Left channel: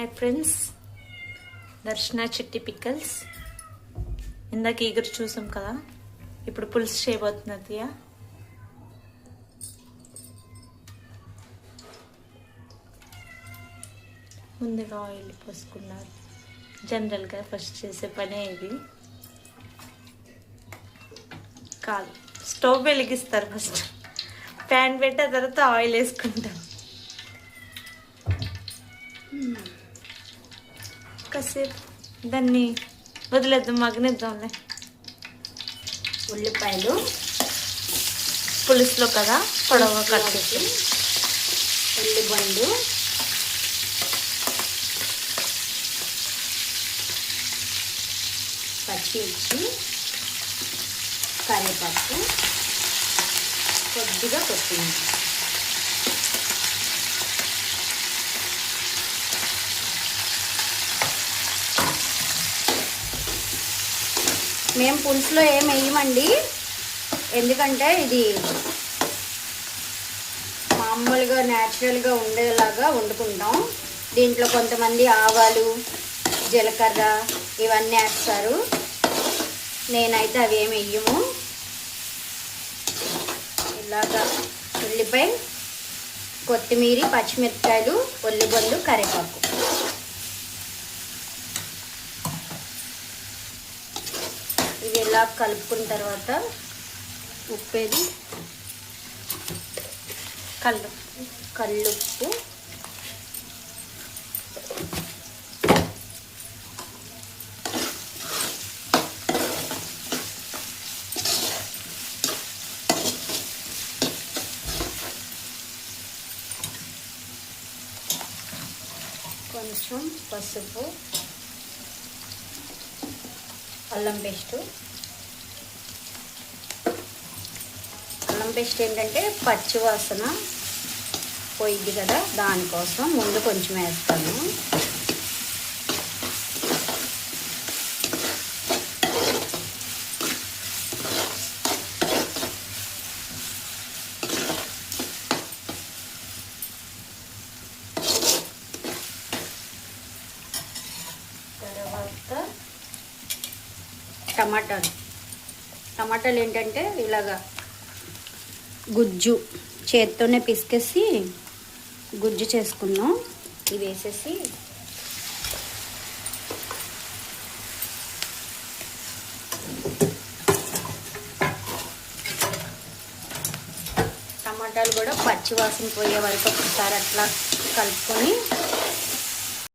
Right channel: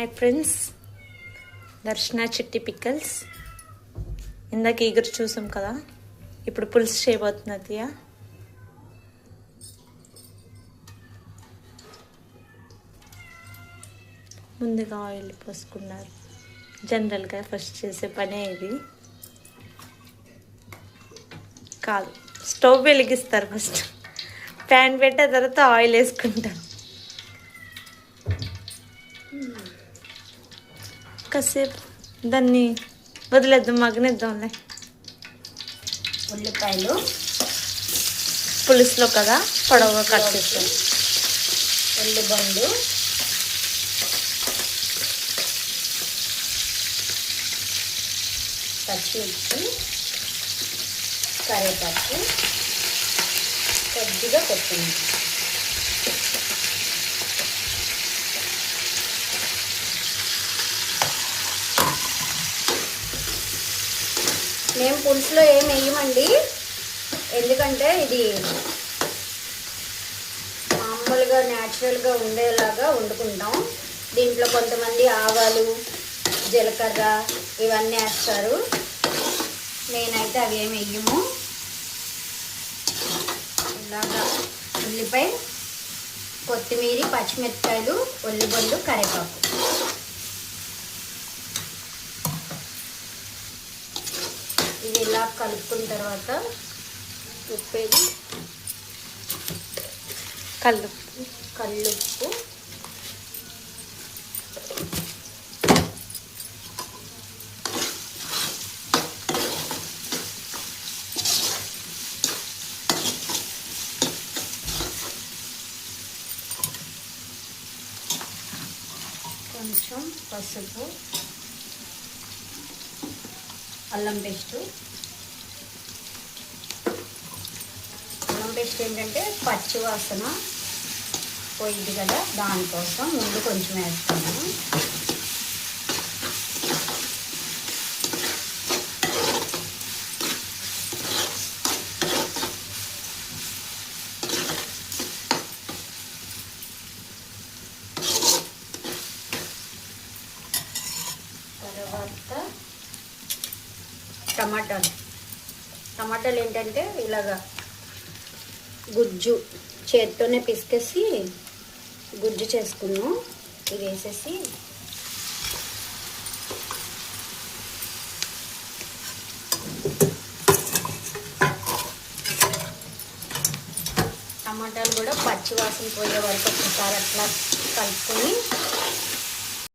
Hi friends, దర్శన చిట్టి pickles. ఇందాక ఈగరు చూసాం కదా, ఇప్పుడు పులుసు చేయబోతున్నది. ముందుగా ఆయిల్ పోసుకున్నారు. జనరల్గా ఫస్ట్ చేసే పనే ఇది కాదు. స్టవ్ వెలిగిస్తారు, ఫస్ట్ ప్యాన్ పెట్టే తర్వాత ఆయిల్ వేసుకుంటారు. కాసేపు దాన్ని వదిలేద్దాం, మగ్గనిద్దాంలే. ఉల్లిపాయలు పులుసులో కదా పొడవుగా కట్ చేస్తాం. ఉల్లిబండు, పచ్చిమిర్చి, కరివేపాకు, కొద్దిగా కొత్తిమీర. మేము పులుసులో ఏం వేయమండి, ఎందుకంటే ఇది మామూలుగా న్యాచురల్గా ఉండేలాగా వండుకుంటాం. దీంట్లో కొంతమంది ఆవాలు, జీలకర్ర ఇవన్నీ వేస్తారు. నేనైతే అవి ఏమి వేయము. ఇలాగా ఉల్లిపాయ, కొత్తిమీర, పచ్చిమిరపకాయలు, ఉల్లిబండు, కరివేపాకు. ఇది ఇలా కలుపుకున్న తర్వాత ఉప్పేది, కల్లుప్పు, కొంచెం పసుపు, అల్లం పేస్ట్. అల్లం పేస్ట్ ఏంటంటే పచ్చి వాసన పోయింది కదా, దానికోసం ముందు కొంచెం వేస్తాను. తర్వాత టమాటాలు ఏంటంటే ఇలాగా గుజ్జు చేత్తోనే పిసికేసి గుజ్జు చేసుకున్నాం. ఇది వేసేసి టమాటాలు కూడా పచ్చి వాసన పోయే వరకు ఒకసారి అట్లా కలుపుకొని